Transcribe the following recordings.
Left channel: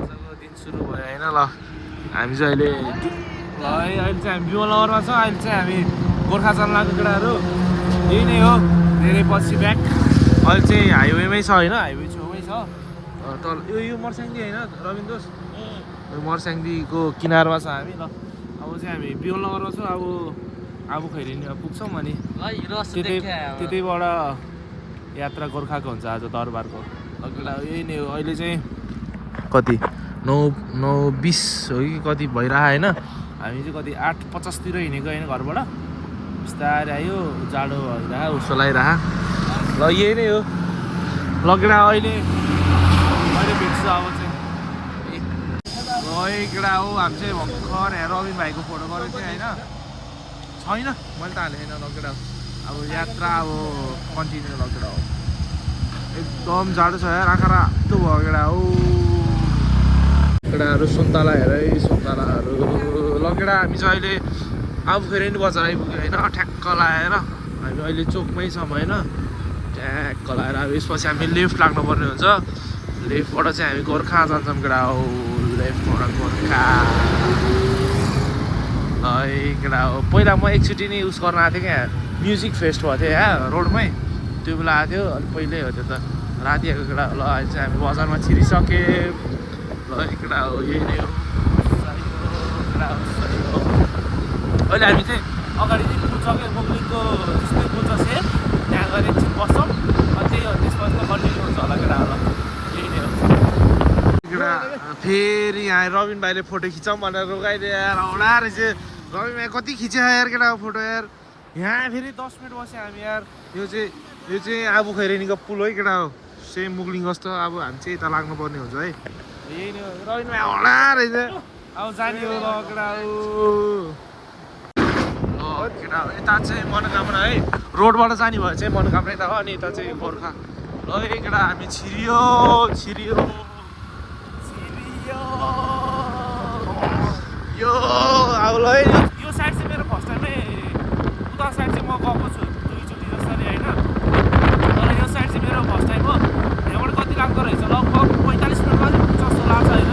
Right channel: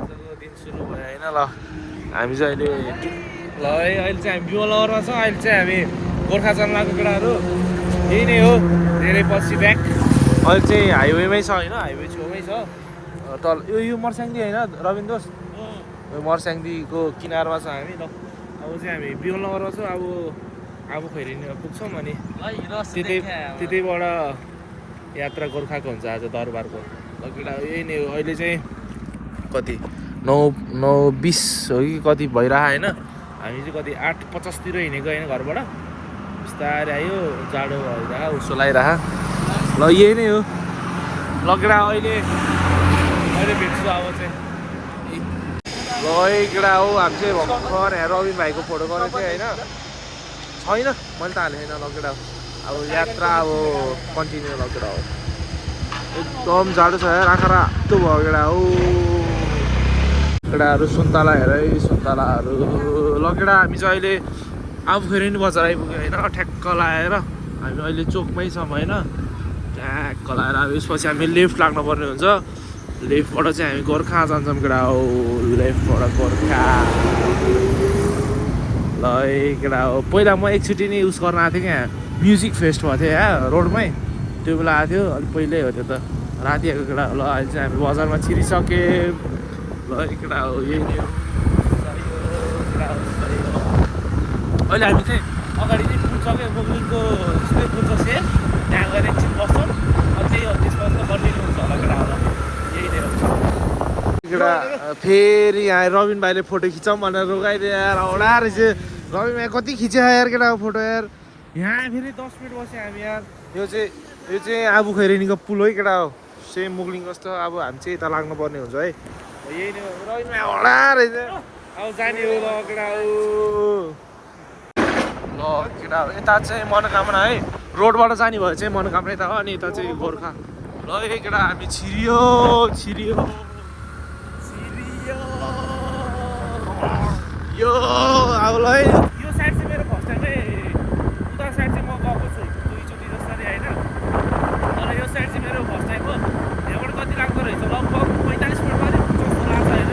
आजको दिन सुरु भयो होइन ल हामी चाहिँ अहिले अहिले चाहिँ हामी बिमलनगरमा छौँ अहिले चाहिँ हामी गोर्खा चल्लाको केटाहरू यही नै हो धेरै पछि ब्याक अहिले चाहिँ हाइवेमै छ होइन हाइवे छेउमै छ तल यो मर्स्याङ्दी होइन रविन्द्र दोष मर्स्याङ्दीको किनारमा छ हामी ल अब चाहिँ हामी बिमलनगरमा छौँ अब खैरिनी पुग्छौँ अनि त्यतैबाट यात्रा गोर्खाको हुन्छ आज दरबारको केटा यही नै हो अहिले चाहिँ कति 9:20 हो कि कति भइरह होइन हामी चाहिँ कति 8:50 हिँडेको होइन घरबाट बिस्तारै आयो जाडो भइरह उसो लगाइरह ल यही नै हो लगेडा अहिले भेट्छु अब चाहिँ ल केटा हो हामी चाहिँ भर्खर यहाँ रविन भाइको फोटो गरेको थिएँ होइन छैन मैले त हालेको छैन लगेडा अब यात्रा अब कन्टिन्यू लगेडा हो एकदम जाडो छ यार आँखा रातो भयो केटा हो केटाहरू सुन्तला हेर सुन्तलाहरू लगेडा हामी चाहिँ अहिले आफू फेरि नि बजार आइपुग्यो होइन ठ्याक्क लाएर हामी अहिले चोकमै छौँ होइन ठ्याक्क लाएर यसपछि हामी लेफ्ट लाग्नुपर्ने हुन्छ लेफ्टबाट चाहिँ हामी गोर्खा जान्छौँ केटा हो लेफ्टबाट गोर्खा ल केटा हो पहिला म एकचोटि नै युज गर्न आएको थिएँ क्या म्युजिक फेस्ट भएको थियो यहाँ रोडमै त्यो बेला आएको थियो अलिक पहिल्यै हो त्यो त राति आएको केटा ल अहिले चाहिँ हामी बजारमा छिरिसक्यौँ ल केटा हो यही नै हो अहिले हामी चाहिँ अगाडि नै पुग्छौँ बुकिङको बुझ्छ सेल त्यहाँ गएर एकछिन बस्छौँ अनि त्यही हो त्यसमा कन्टिन्यू हुन्छ होला केटा होला यही नै हो केटा फेरि यहाँ रविन भाइले फोटो खिचौँ भनेर रोगाइदियो यार औडा रहेछ रविन भाइ कति खिच्यो यार केटाको फोटो यार यहाँ फेरि 10 मिनट बस्यो हामी यार यो चाहिँ आबु खैरेनीको पुल है केटा हो सेम मुगलिङ जस्तो अब हामी चाहिँ यता लाग्नुपर्ने हुन्छ है यही नै हो रविन भाइ औडा रहेछ अब जाने हो ल केटा हो ल केटा हो यता चाहिँ मनोकामना है रोडबाट जाने भयो चाहिँ मनोकामना यता हो अनि यता चाहिँ गोर्खा ल केटा हामी छिरियो यो अब ल यो साइड चाहिँ मेरो फर्स्ट टाइमै उता साइड चाहिँ म गएको छु दुईचोटि जसरी होइन तर यो साइड चाहिँ मेरो फर्स्ट टाइम हो यहाँबाट कति लाग्दो रहेछ लगभग 45 मिनट अलिक जस्तो लाग्छ होइन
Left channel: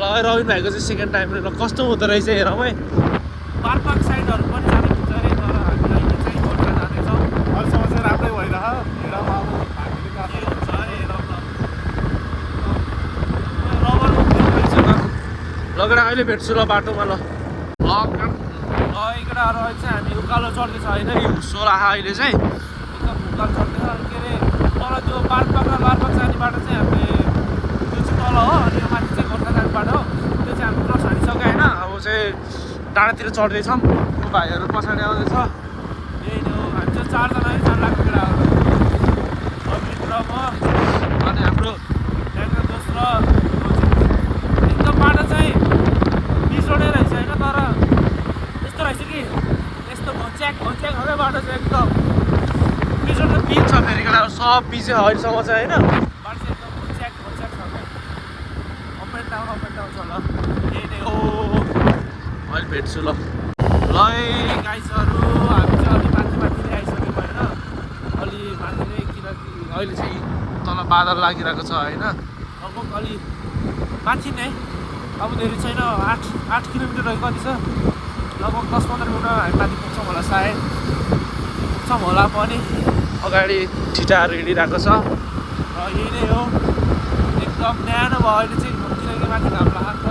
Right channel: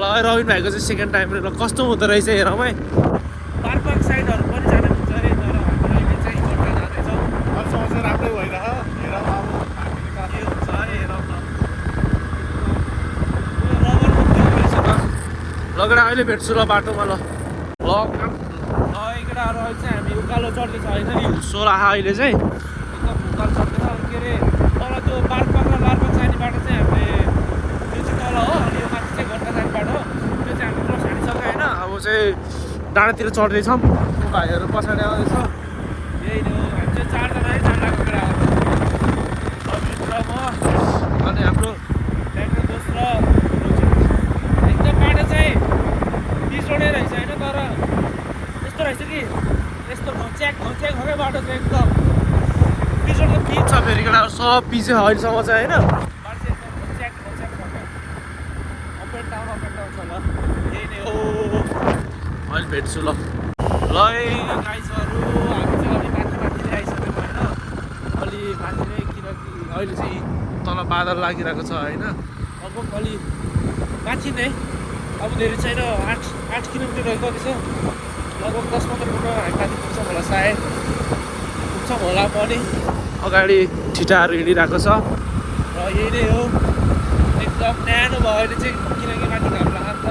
ल रविन भाइको चाहिँ सेकेन्ड टाइम ल कस्तो हुँदो रहेछ हेरौँ है पार्क साइडहरू पनि जानु हुन्छ अरे तर हामीले चाहिँ गोर्खा जाँदैछौँ अहिलेसम्म चाहिँ राम्रै भइरह लगेर अहिले भेट्छु ल बाटोमा ल केटाहरू अहिले चाहिँ हामी उकालो चढ्दैछ होइन नि सोराहा अहिले चाहिँ एकदम उकालो चढ्दैछ के अरे तल त्यो मार्फत जाने बाटो चाहिँ हामीले त्यो चाहिँ तल हो अनि यो माथि चाहिँ गोर्खा जाने बाटो हो त्यो चाहिँ हामी क्रस हानिसक्यो होइन अब चाहिँ डाँडातिर चढ्दैछौँ भाइहरू पछाडि आउँदैछ यही हो हामी चाहिँ 4 जना है 4 लाख केटाहरू अनि हाम्रो दोस्रो एकदम बाटो चाहिँ बिसोडे रहेछ होइन तर यस्तो रहेछ कि यस्तो घच्याक हो बाटो चाहिँ एकदम बिचोड त पिच छ फेरि केटाहरू सब पिच अहिलेसम्म चाहिँ होइन बाटो चाहिँ एकदम घच्याक छ क्या अप एन्ड डाउन छ ल यही नै हो अहिले भेट्छु ल गाइजहरू हामी चाहिँ अलि माथि आइसक्यौँ होइन अलि माथि नै किनकि अहिले चाहिँ तल बादल लागिरहेको छ होइन अब अलि माथि नै अब धेरै छैन 8 किलोमिटर है कति छ लगभग 10-15 मिनट हामी माथि पुग्छौँ होला सायद पुग्छौँ होला पनि अगाडि ठिटाहरू हिँडिरहेको छ र यही नै हो एकदम न्यानो भयो अहिले चाहिँ किनकि माथि घाम लाग्छ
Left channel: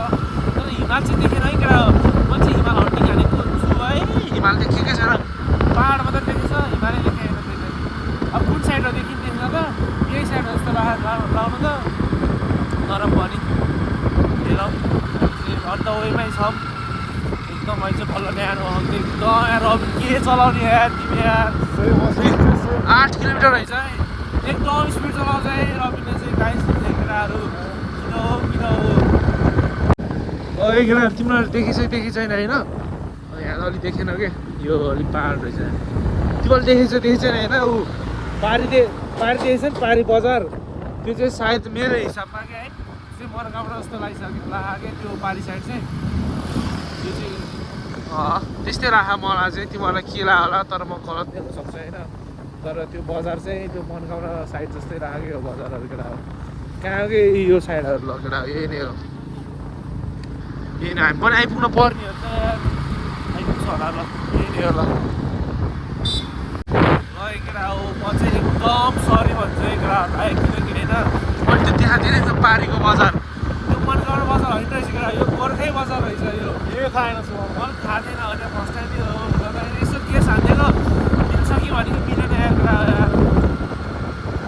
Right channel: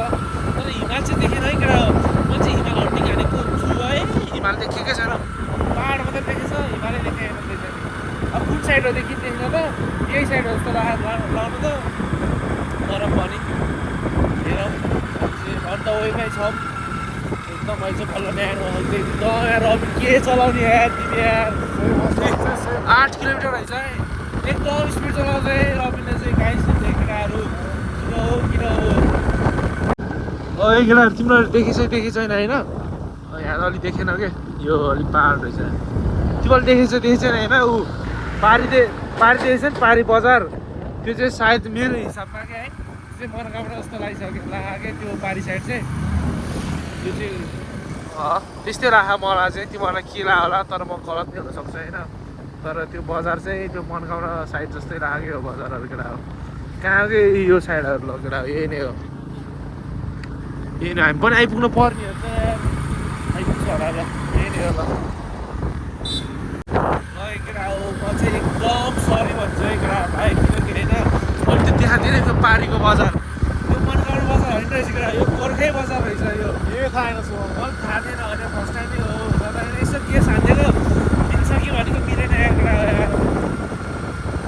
तर हिमाल चाहिँ देखेन है केटा म चाहिँ हिमाल हट्ने जानेको छु है हिमाल देखेकै छैन पाहाड मात्रै देखेको छ हिमालै देखेको देख्दैन अब कुन साइड हो देख्दैन त यही साइड हो जस्तो लाउनु त तर पनि अन्त वेमै छ एकदम अहिले चाहिँ बल्ल न्यानो एकदम यार अब के चलाउने यार तिमी यार 8 किलोमिटर रहेछ है एकदम स्पिड चलाउँछ है रविले चाहिँ गाइस केटाहरू किन हो केटाहरू तिम्रो देखेको छैन होइन यहाँ अलिक देखेन के यो अलिक पाहाड रहेछ तिमीले देखेको छैन होइन ऊ पारिदिएछ नि पारी बजार त्यो चाहिँ सायद मेरो हिसाबमा क्या है चाहिँ मनोकामना जस्तो लाग्यो त्यो पारी साइड चाहिँ त्यो चाहिँ त्यस्तै राख मलाई चाहिँ तिमीहरूलाई के लाग्यो होला तर म गलत हुन सक्छ होइन तर त्यो बजार चाहिँ त्यो मनगाउँ साइड जस्तै लाग्यो बजारहरू केटा हो कहाँ कि यो साइडहरू ल केटा हो यही नै हो यही नै हामी पनि आइपुग्नु पर्ने हो त आइपुग्छ होला ल यही नै हो ल केटा हो म चाहिँ एकदम सरी भन्छु है केटा हामीलाई किनकि होइन मैले त्यो देखाएको थिएँ नि त्यो पारीको बजार त्यो मनगाउँ बजार होइन रहेछ केटा यो गोर्खै बजार रहेछ यो खाएन छु खाँदैन अहिले फर्स्ट टाइम हो यसो के खाँदैन मिल्छ कि भनेको मिलेन यार केटा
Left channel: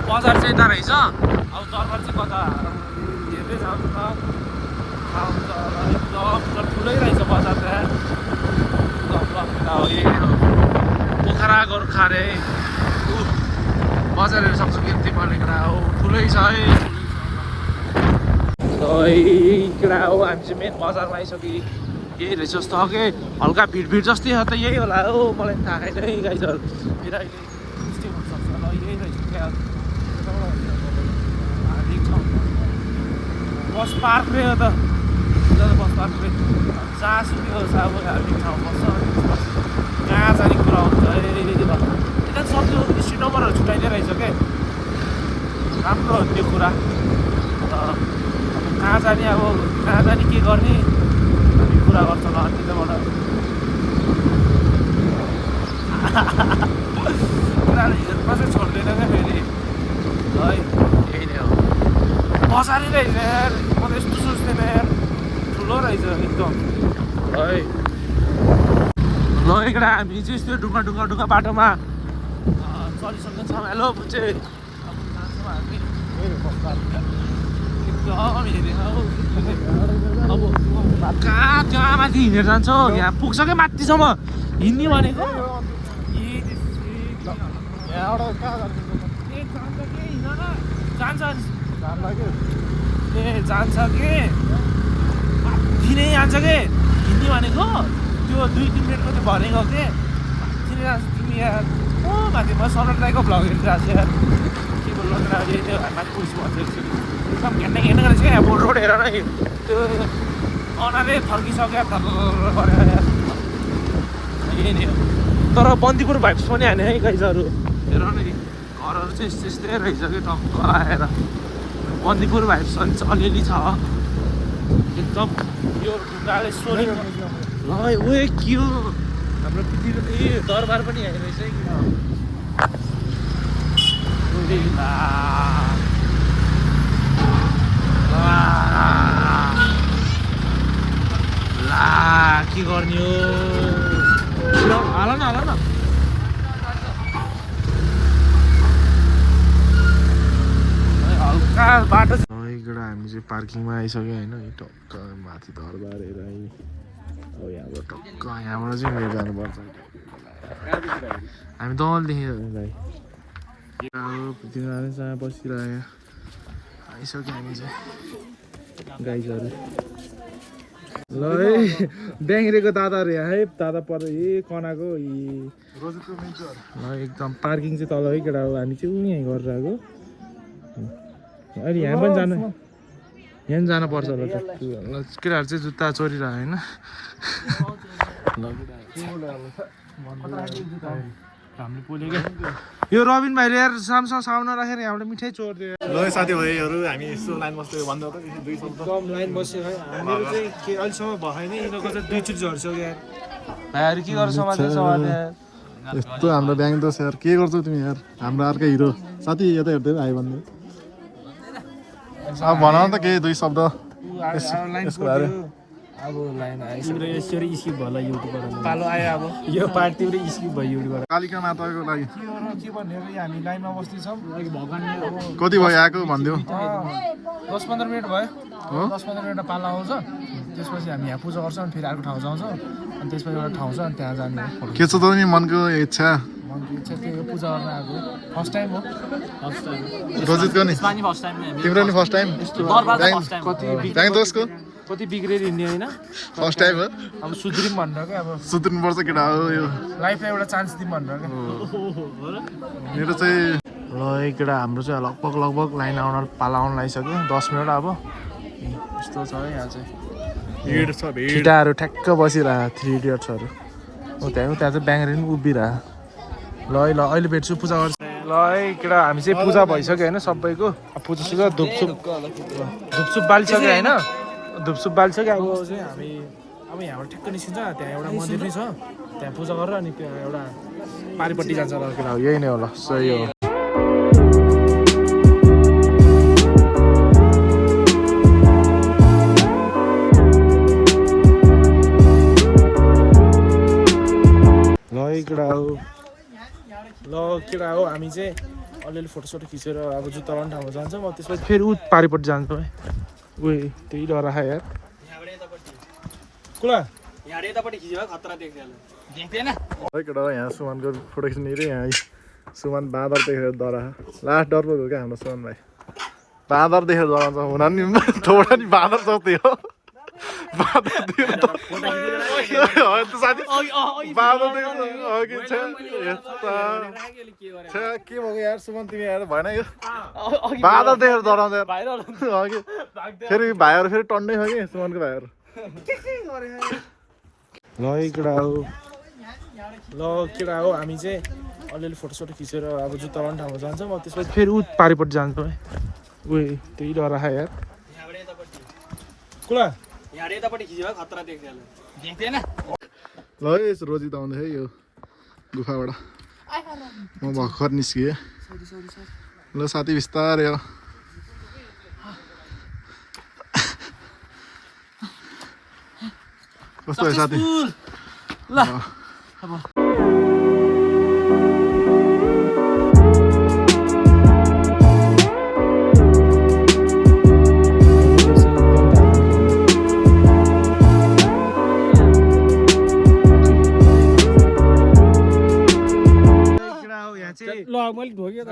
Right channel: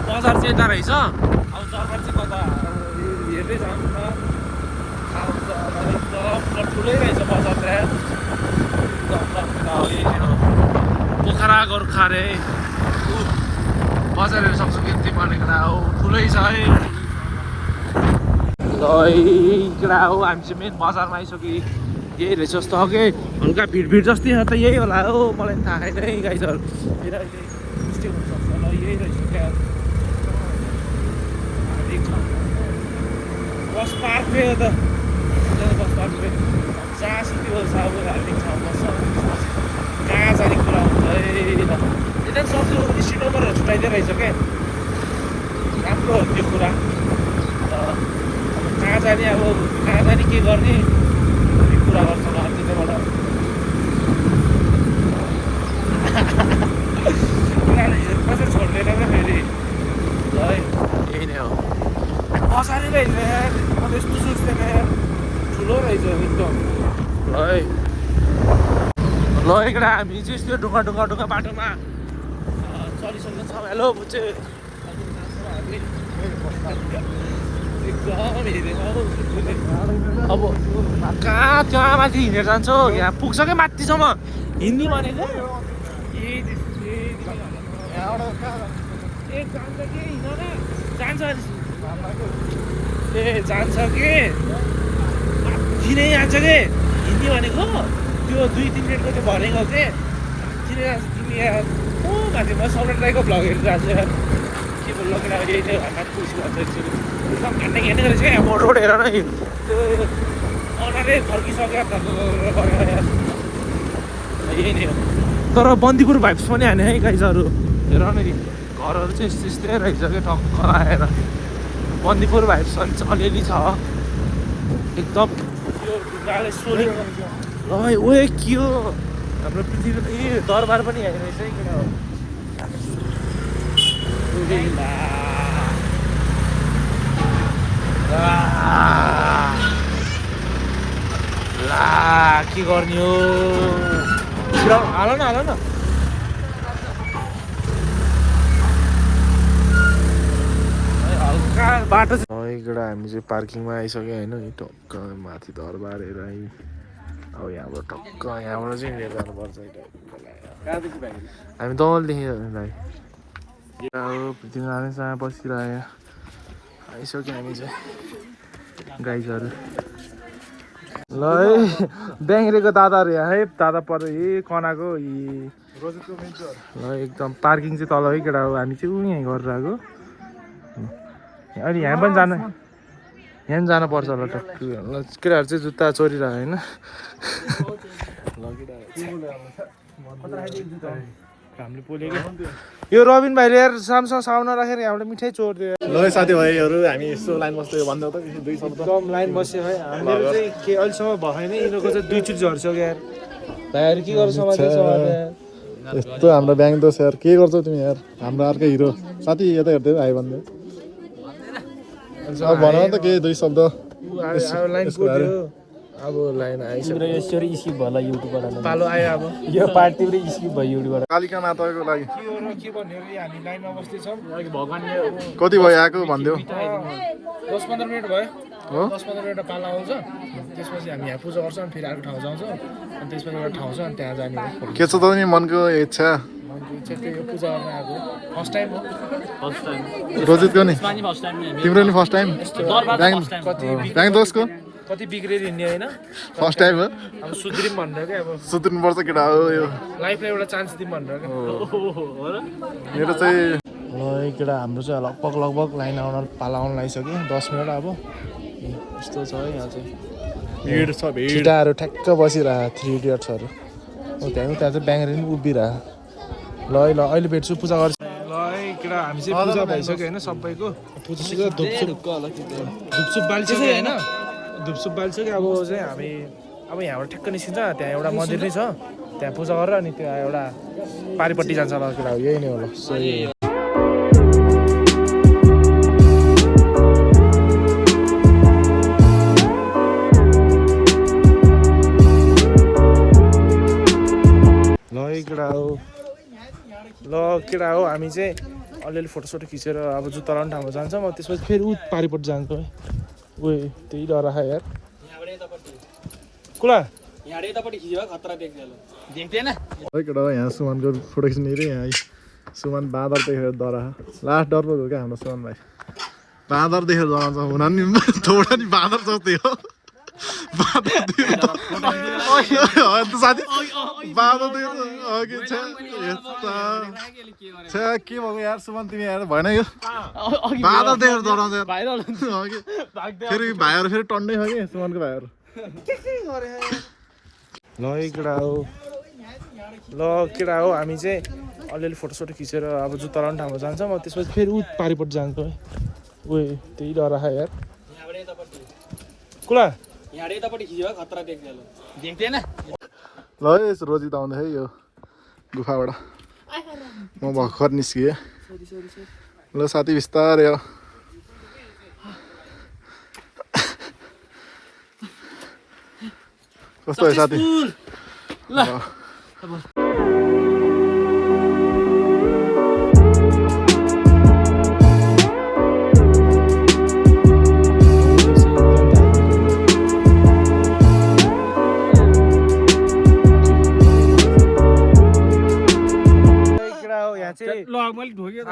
बजार चाहिँ यता रहेछ अब जग्गा चाहिँ कता हेर्दै जाउँ न एकदम ठुलै रहेछ बजार त एकदम पोखरा गोर्खा रे बजारहरू सक्छु के पर्ने केटा हो ठुलै छ है केटा हो हामी चाहिँ मेन बजारमा आइसक्यो यही रहेछ जस्तो हो कि हल्का भिड जस्तै हो त यही होला हो मलाई थाहा छैन यही गाइजहरू किनकि यही रहेछ क्या बस पार्क हो त बस पार्क जहाँ त्यो अब हामी ठाउँ बस्छ कहाँ जाने कुरा हुन्छ है यता सक्यो स्ट्रिट नम्बरहरू छुट्याइदिए रहेछ क्या राम्रो हो त्यो कुरा कहाँ जाने अब कहाँ जाने के गर्ने भन्ने कुरा गर्छ होला त्यताबाट उनीहरूले हेर्नु चाहिँ छोड्दैन क्या फेरि ल है यही नै हो बजारै रहेछ यार म त यस्तो सोच्दैन यार ठुलो रहेछ एकदम है ल एकटा हामी चाहिँ यस्तो ढुङ्गा बाटोमा चलिसकेको छौँ हेलो बुझ्चे एकदम हेरेको अब कहाँ माथि हिँडेर जान्छौ यहाँ पुग्छ क्या माथिसम्म हिँड्ने भनेको जान्छ ए जान्छ के किनै जान्छ के हिँड्ने भनेको त्यो 2-3 मिनटको त्यो भनेको के किन तिमी यहाँ माथि म सलट राईको भ्लग हेरिरहेको छु यार के बोल्नु केटा यही नै माथि पुग्छु घन्टा हेर्ने रहेछ क्या यहाँ रोड हेर न त्यो अनारै फर्किसक्यो गरेर यही नै हो तर बन्दीपुर भाइब्स पनि हाने है गाइजहरू हेर न घरहरू चाहिँ यस्तै रहेछ क्या टक्क आएर बन्दीपुर भाइब्स अलिअलि छ एकदम यो ढुङ्गाले सोली ल उयो के हो हाम्रो पृथ्वी दरबार पनि हेर्नु रहेछ है केटा हो ला के गर्ने हो हाल न हल्का बाटो केटा हामी चाहिँ पार्किङमा आइसक्यो होइन टक्क माथि दरबार हेर है अब यहाँबाट टक्क यहाँबाट चाहिँ लिएर जानुपर्छ हामी दलदेखि दाइ पृथ्वीनारायणसँग बसिरह्यो आइसक्यो हामी चाहिँ गाइजहरू ल है ब्याङ्रेको दादाहरू यहाँ है दादा पर यही कनाको ल एकदम पार्किङ चाहिँ तल है केटा हो हामी चाहिँ यहीँ गरेर आएको अहिले यहाँ पनि जानुपर्छ होला टक्क ल केटाहरू चाहिँ जुत्ता चोरिरहेको होइन यो रबिन भाइले यार सामसँग साउन राखेर यहाँबाट मिठाई चोरिदियो ल साथीभाइहरू हामी यस्तो लाइन बस्दै भन्दै त दुई शब्द एकदम लाइन बस्यो है हाम्रो चाहिँ के अहिलेसम्म भएन यिनीहरूको चाहिँ 2 चोटि झर्छ यार भाइहरू के गर्छ समातेछ यस्तो हाम्रो ब्याङ्क दोष यार के गर्छौ तिमी यार हाम्रो अर्कै हिरो साथी यता हेर्दै आयो भन्दै अब भन त केही 2 शब्द अब लाइन आइसक्यो यसरी स्किप भयो युट्युबबाट पालो आयो अब यो पार्ट तिम्रो स्किप भयो युट्युबबाट कालिका नाटकको लागि के भन्ने हामी लाइनमा बस्दैछौँ भगवान्ले कति भयो आएको भनिदेऊ 10-15 मिनट भयो 10-15 मिनटमा पालो आउँछ त्यसपछि हामी यहाँ पूजा गर्छौँ फेरि अर्को ठाउँ जान्छौँ अनि त्यसपछि एउटा ठाउँ छ अनि त्यहाँ जाने के छ त नि मनको इच्छा यो पूजा गर्न आएको फर्स्ट टाइम हो रोजितको नि फर्स्ट टाइम तिम्रो नि फर्स्ट टाइम ब्याङ्क दोषको कति बिग्रेर हिँड्ने होइन फर्स्ट टाइम हो अब सुध्रिम भनेर क्या अब सुत्नुपर्छ केटा हो यो लाइफमा एउटा चान्स दिउँ भनेर क्या मेरो चाहिँ ल केटा हाम्रो चाहिँ लगभग लाइन पाला आउनु लागिसक्यो 10 मिनट अब यस्तो छ है यहाँ चाहिँ भिड छ भिड केटाहरू ठ्याक्क बसिरह 3 इडियट्सहरू त्यहाँ चाहिँ ब्याङ्गरी पनि उभिरह ल अहिले भेट्छु पूजा गर्छु ल है केटा हामी चाहिँ पूजा भइसक्यो होइन सबैको पूजा धुपसुप बालिसक्यो होइन धुपसुप बालिसक्यो अब चाहिँ हामी अब यहाँबाट ठ्याक्क निस्किन्छ त्यहाँ एउटा मन्दिर नै छ त्यहाँ पूजा गरेर अनि त्यहाँ एउटा पारिपट्टि जान्छ ल केटा हो यही नै हो ल सही हो केटा हो ल केटा हो हामी चाहिँ अलिअलि फोटोसोटो खिचेर अब जुत्ता लाउने ठाउँमा जान्छौँ अब त्यसपछि फेरि ऊ पारिपट्टि जान्छौँ है उयो त्यही डर आयो यार कुला है केटा यहाँ सुमनको फोटो खिच्ने रे यहाँ सुमन बाँदर देखेर डरा लास्ट डर पो हो क्या हाम्रो सुमन भाइ बाँदर देखेर डराउँछ हुन नि थोडा नि बाँदर जस्तै हो साथी बाँदर देखेर के भएको यार सुमन तिमी यार भएन यो बाँदर देखेर डराउँछ फेरि भाइहरू फेरि टन्नै छ कि सुमनको भाइहरू ल केटा हो ल केटा हो हामी चाहिँ अलिअलि फोटोसोटो खिचेर अब जुत्ता लाउने ठाउँमा जान्छौँ अब त्यसपछि फेरि ऊ पारिपट्टि जान्छौँ है उयो त्यही डर आयो यार कुला ल यसो रोजित आउँदै है यो गुफाबाट म भर्खर निस्किएँ ल साथी बिस्तारै हो कस्तो है साथी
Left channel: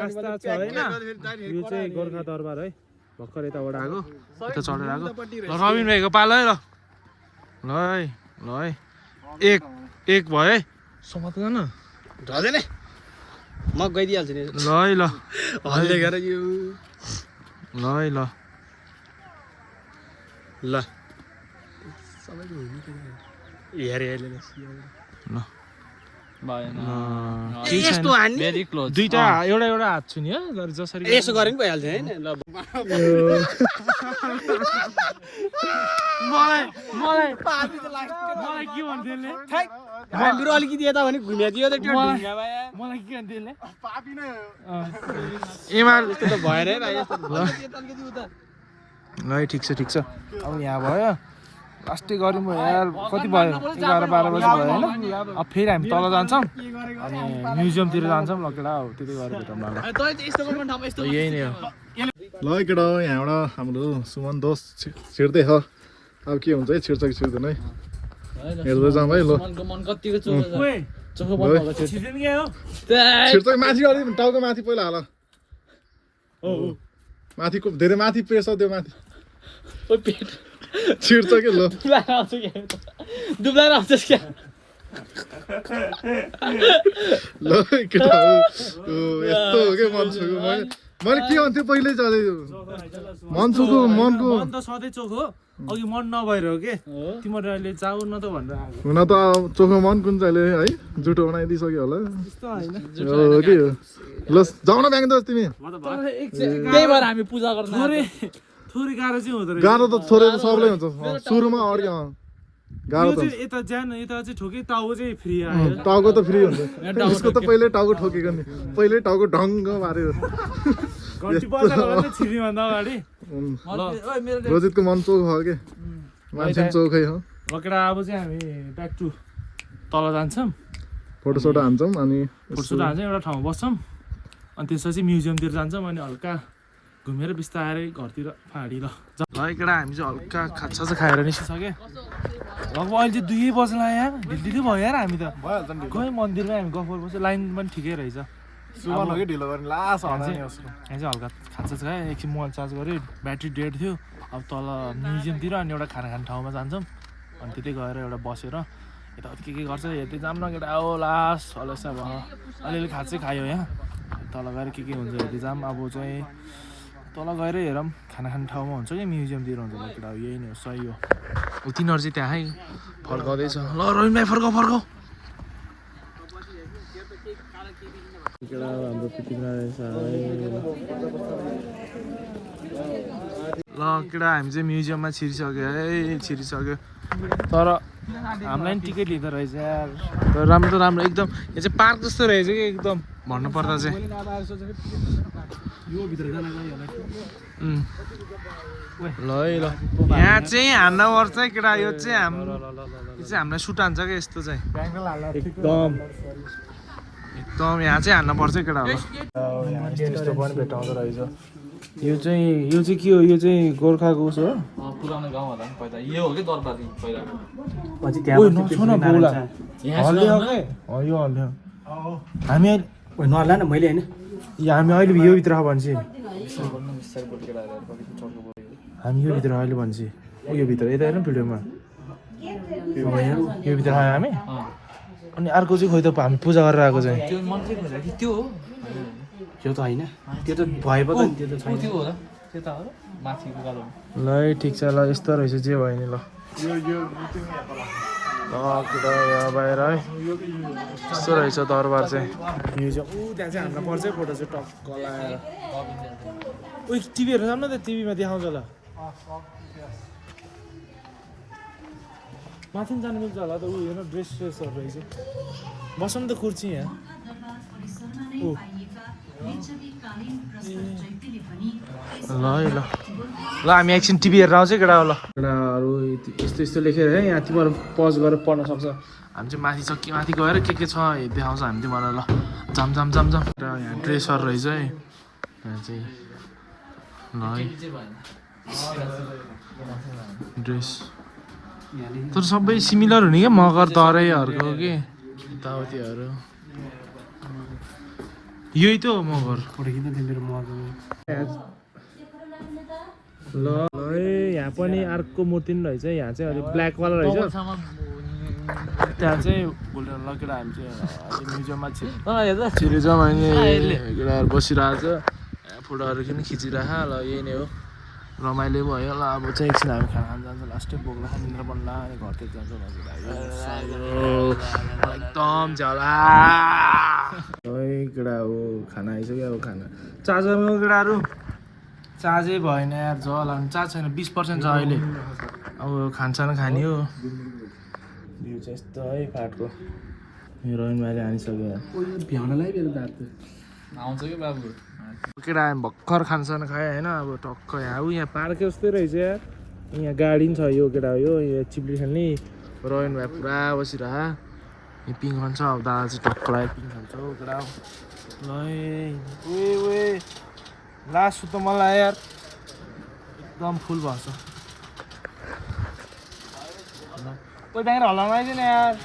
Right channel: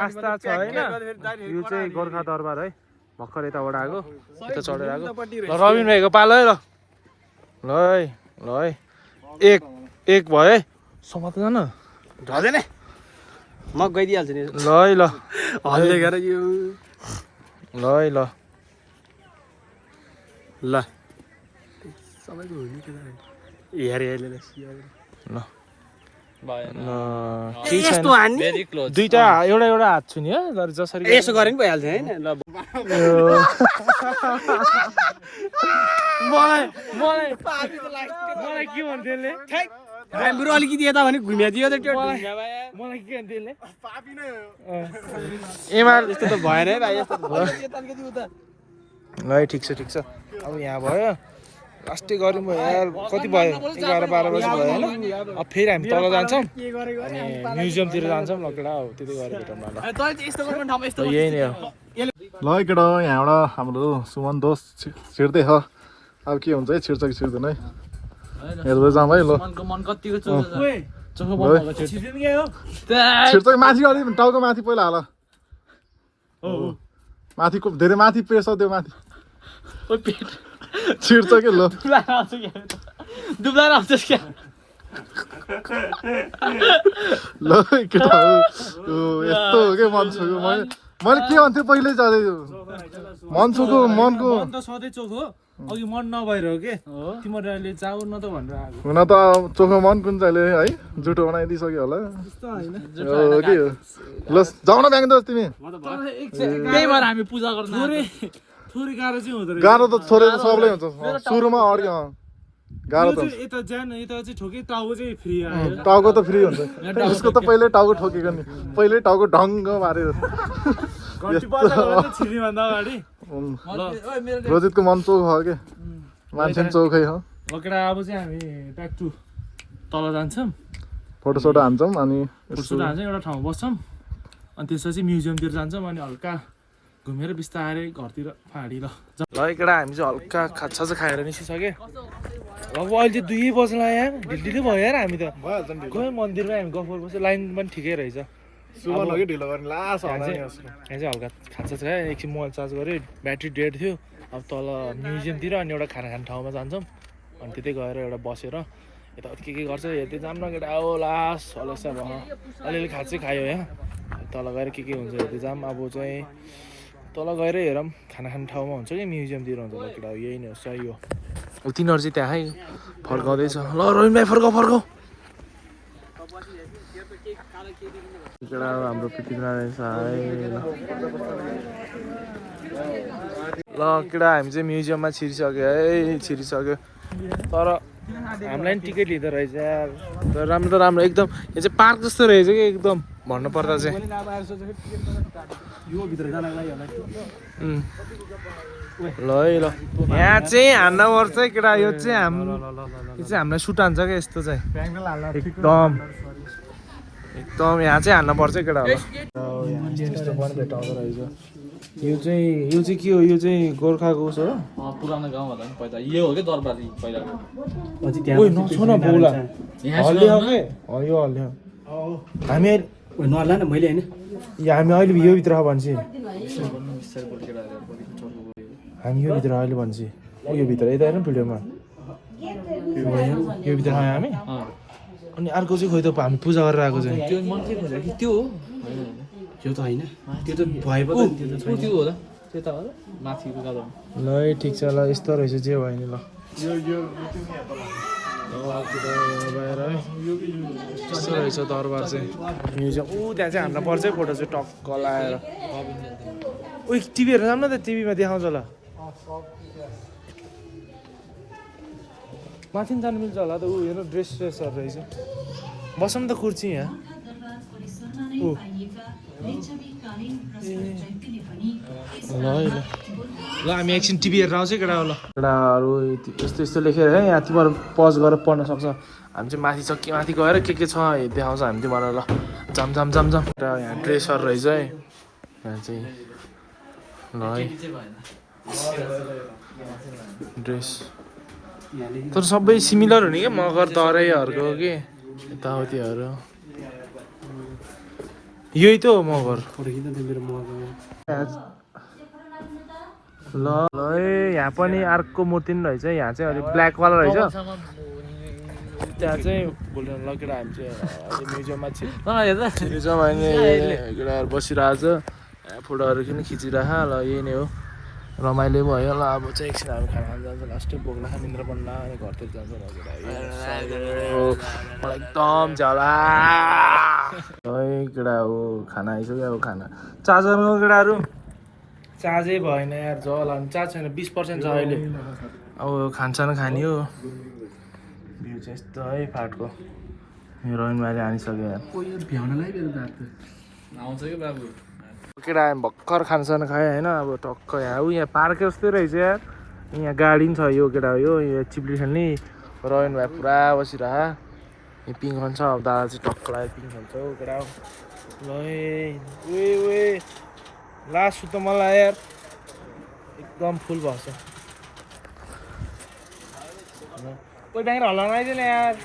आस्था छ होइन यो चाहिँ गोर्खा दरबार है भर्खर यताबाट आएको यता चढेर आएको ल रबिन भाइको पालो है ल है ल है एक भयो है समात जान झर्दैन ल गइदिइहाल्छु नि ल है ल हल्ले गरे यो ल है ल ल सबैको हुनु के हेरे हेले ल केही छैन दुईटा एउटा हात छु नि जसरी यसो गरे पनि भइहाल्छ हैन ल मलाई के भन्थ्यो ले हाम्रो अलिकति यता भने घुमिदियो त के मलाई के भन्थ्यो ले पापी नै एमाल भएन है भाइ यस्तो ल ठिक छ अब यहाँ भयो लास्टै गरौँ भयो यार कति भयो 11-12 बजी भयो होइन अब फेरि हामी तल जान्छौँ अनि म्युजियमतिर जान्छौँ ल केटा हो त्यति गरेर भेटौँ न ल यही नै हो ल केटा हो यहाँबाट हाम्रो सुमन दोष छिर्दै छ अब के हुन्छ है छिर्छ कि छिर्दैन है हेर्दै जाउँ है ल छिर्छ कि माथि अलिक टाउको माथि पहिला हाल माथिको धेरै माथि प्रेसर दियो माथि छिर्छ कि ल ल केटा हो यस्तो हो कि मान्छेको मैले के भन्थेँ पहिल्यै जाँदै मनको मन त सधैँ चोख हो अघि मन नभएर हो के तिमीहरू अहिले जाऊ न त भनेर आएको हुन त चोखो मन कुन चाहिँ है जुठो बनाइदिइसक्यो होला हो कि ल जाऊ न ब्याङ्क दोस् तिमी थोरै गाह्रो चाहिँ हुँदो रहेछ गाह्रो त थोरै त सबलाई हुन्छ सुरुमा अर्को गाह्रो त यता चाहिँ ठोके टाउको चाहिँ फ्री आयो टाउको त फ्री हुन्छ यसको त पहिल्यै टाउको ठोकेको नि पहिल्यै टाउको ढङ्ग मारेर रोजितको मन चोख हो के मान्छे चोखै हो केटा अब चाहिँ हामी ब्याक टु तल जान्छौँ फोटोसोटो हान्छौँ अनि एउटा ठाउँमा बस्छौँ अनि त्यसपछि म्युजियमतिर जान्छौँ अनि हल्का घुमेर बिस्तारै घरतिर फाँडी ल केटा हामी चाहिँ हल्का खाजा चाहिँ खाएर निस्किसक्यो लगभग अहिले चाहिँ 2 बज्न आयो ढिलो भयो यार हामी त गयो मन्दिरमा हामी गफ बस्यो लाइन पनि ठिकै रहेछ यहाँ चाहिँ हल्का खाजा चाहिँ खायो एकछिन मोबाइल चार्ज गऱ्यो ब्याट्री डेड थियो अब तल म्युजियमतिर अनि एउटा खाना खाने ठाउँमा जान्छौँ अनि त्यतै गएर एउटा बसेर यताउति के गर्छ हेर्दै जाऊँ न केटा हो लास्ट हलसा भयो अलिअलि खाजा चाहिँ खायो यहाँ तल गएर के हुन्छ हेर्दै जाऊँ अब चाहिँ तल गएर हेरौँ खाना खाने ठाउँमा हुन्छ कि म्युजियमतिर हुन्छ ल केटा यही नै हो सही हो अब तिनीहरू चाहिँ त्यहाँ फर्काउँदैछ ल रोहिन भाइ फर्काऊ केटा हाम्रो पृथ्वीनारायण साई ल केटा हामी चाहिँ म्युजियममा छिरिसक्यो है छिरिसक्यो तर हामीलाई पनि टिकट लिँदो रहेछ यार तर राम्रो राम्रो एकदम यो चाहिँ पार्क जस्तो रहेछ कि एकदम भन्नुपर्दा चाहिँ ल है ल यहाँ चाहिँ हान्न पर्छ है केटा यो चाहिँ हामीलाई सुट हान्छ क्या यस्तो चाहिँ एकदम एकदम यहाँ चाहिँ हान्न पर्छ केटा होला यस्तो पनि भेटाउँदो रहेछ यो चाहिँ के हो यो चाहिँ गोर्खाको उस हो पुरानो गाउँहरु पनि पहिला यो हो के दरबार पहिलाको पछि त्यहाँ यो हल्यो हामी नहल्ला न मैले हैन हामी अहिले यो भित्र भन्छ हामी यो भित्र अहिले भन्छ यो भित्र यता हेर्नु भिडियोमा यो भित्र आयो हामी अनि अर्को चाहिँ खोइ त हामी पूजा गरेर आएको चाहिँ त्यो मन्दिर पूजा कि त्यो हो त्यो त होइन त्यो त भए पो त्यो त छैन त्यो होला त्यो त हो माथिको गाडो ल ठिक छ ल यस्तो रहेछ जे भयो नि ल केटा यहाँ बाहिर है यस्तो रहेछ दरबार चाहिँ म्युजियम त्यहाँ चाहिँ हान्न पर्छ है फोटो चाहिँ टक्क लाएर टिभीहरू जाऊँ न त टिभीमा देखाउँछ होला माथि जानु मिल्छ होला त हेर्नु ड्रेसहरू रहेछ बसौँ त कुर्ची यहाँ ल है ल ल हामी एकछिन टिभी हेरेर आउँछ केटा ल केटाहरू यस्तो यस्तो लेखेर है यहाँ तिमीहरू पज गरेर पढ्न सक्छ हामी चाहिँ माथि चक्की माथि गएर के छ देखाउँछ हामी तिमीहरूलाई ल जाम जाम जाम जाम यहाँ ड्रेसहरू रहेछ है यहाँ चाहिँ ल है ड्रेस तर सबै सिमिलर हुने क्या मगर दराईहरूको के यताउतिहरू यही त हो मगर ल ल यहाँ पनि अर्को मूर्ति पनि रहेछ यहाँ चाहिँ अलिक ब्ल्याकवाला रहेछ त्यहाँ चाहिँ गोल्डन ल केटा हामी चाहिँ अहिले म्युजियममा छिरिन्छौँ अहिले केटाहरू बसिरहेको छ फोटोहरू पनि खिचिरह ल यही नै हो रमाइलो भयो ल अब चाहिँ एकछिन हामी खाना खान जान्छ लास्टै बोक्ला खनिन्द्र बन्ला अनि घरतिर जान्छ केटा एकदम झला है केटा हो खाना आइसक्यो अब खाना चार्जरमा केटाहरू चार्जै भएन यार जल हाल्नु चार्ज छैन 20% छ अहिले अब खानसान खाने हो भ्यू चाहिँ यस्तो है फाटको यो रोहिन भाइले हानिसक्यो यार आउँछ कि बाबु केटा भर्खर खानसान खायो होइन अब टक्क यहाँ पार्क जस्तै रहेछ यार यहाँ गाडी पनि छ यो केटा यो चिप्ली खेल्ने रोहिन भाइ पुरा बसिरह यहाँ पिङ खान्छ अब दादा चाहिँ टक्क लाग्यो पिङ खान्छ हौ केटा ल वे लास्ट त मलाई यार एकदम फुल भएछ कोही ब्याङ्गर हल्लाउन आइज नि यार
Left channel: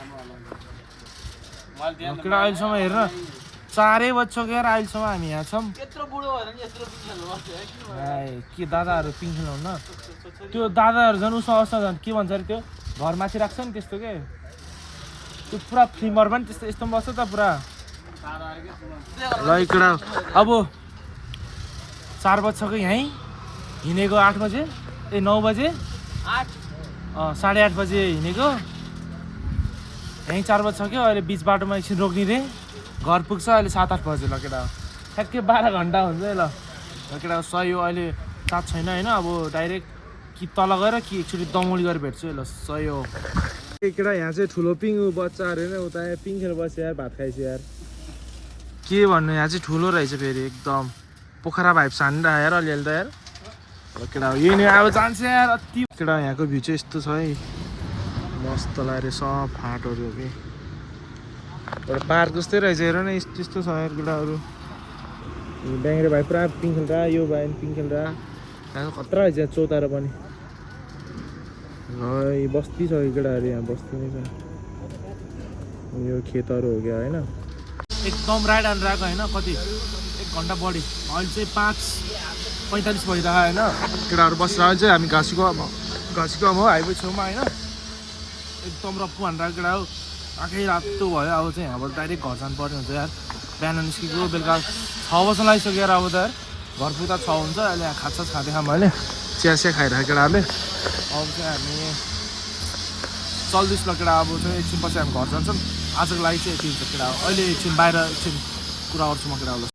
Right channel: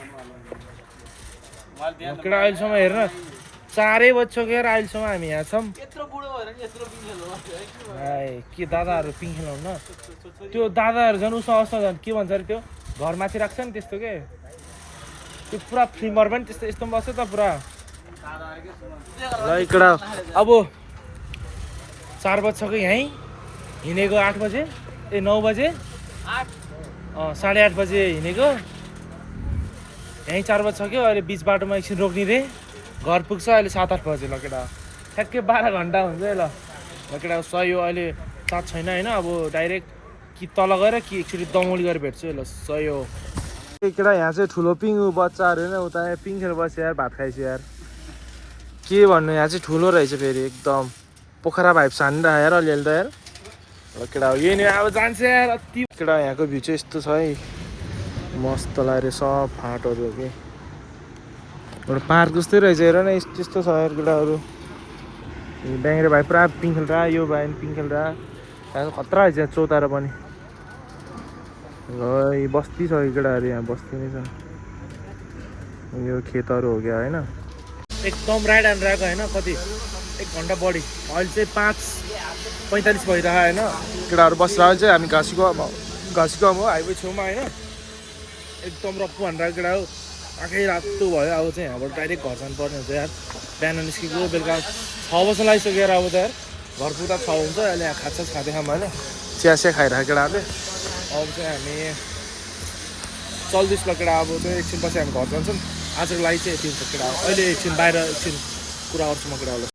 केटा अहिलेसम्म हेर्न 4 बज्छ यार अहिलेसम्म हामी यहाँ छौँ के दादाहरू पिङ खेलाउनु न त्यो दादाहरू झन् उसमा अवस्था झन् के भन्छ अरे त्यो घर माथि राख्छ नि त्यस्तो के त्यो पुरा फिल्मर पनि त्यस्तो यस्तो पनि बस्छ त पुरा ल केटा अब 4 बज्छको यहीँ हिँडेको 8 बजे 9 बजे 8:30 बजे हिँडेको यहीँ 4 बज्छक्यो अहिले बिच बाटोमा एकछिन रोक्ने रे घर पुग्छ अहिले 7-8 बजे ल केटा ठ्याक्कै 12 घन्टा हुन्छ है ल केटा सही हो अहिले चार्ज छैन होइन अब डाइरेक्ट कि तल गएर कि एकचोटि दमौली गरेर भेट्छु ल सही हो केटा यहाँ चाहिँ ठुलो पिङ बच्चाहरू होइन उता पिङ खेल बस्यो यार भात खाइछ यार के भन्नु यहाँ चाहिँ ठुलो रहेछ फेरि एकदम पोखरा भाइब छानिरहेको यार अलिअलि त यार केटा यही नै अब जान्छ यार अति केटा यहाँको भ्यू चाहिँ यस्तो छ है मस्त लाग्यो सब फाँटहरू के पार्क जस्तै रहेछ हेर न यस्तो यस्तो छ यार केटाहरू ब्याङ्रे भाइ पुरा पिङ खेल्दा यो भाइ पिङ खेल्दा यहाँ खतरा रहेछ चौतारा पनि है बस्ती छ केटाहरू यहाँ बस्ती नै छ यो खेतहरू हो क्या होइन एकदम राइट ह्यान्ड रहेको होइन कति 1 घन्टा बढी अहिले चाहिँ 5:45 भइरहेको होइन केटाहरू बसिरहेको चाहिँ हामी घाँसीको हो हाइवे छेउमा होइन एकदम रफ्फु हानेर केटा हो आँखै रातो भयो अब चाहिँ यहाँबाट डाइरेक्ट घर जानुपर्ने हुन्छ यार बिहान निस्केको बेलुका 6 बज्न लागिसक्यो यार अब त यार घर पुग्दा 6 हुन्छ अहिले यहाँ खाजा खाँदै खाऊँ होइन चिया खाइरहेको केटाहरूले अब चाहिँ हामी चल्दैछ ल केटा अब चाहिँ एकछिन पछि हामी घर जान्छौँ आजको लागि चाहिँ यति हुन्छ केटा अहिले एकछिन बाहिर एकछिन कुरा गर्छु म केटाहरूलाई।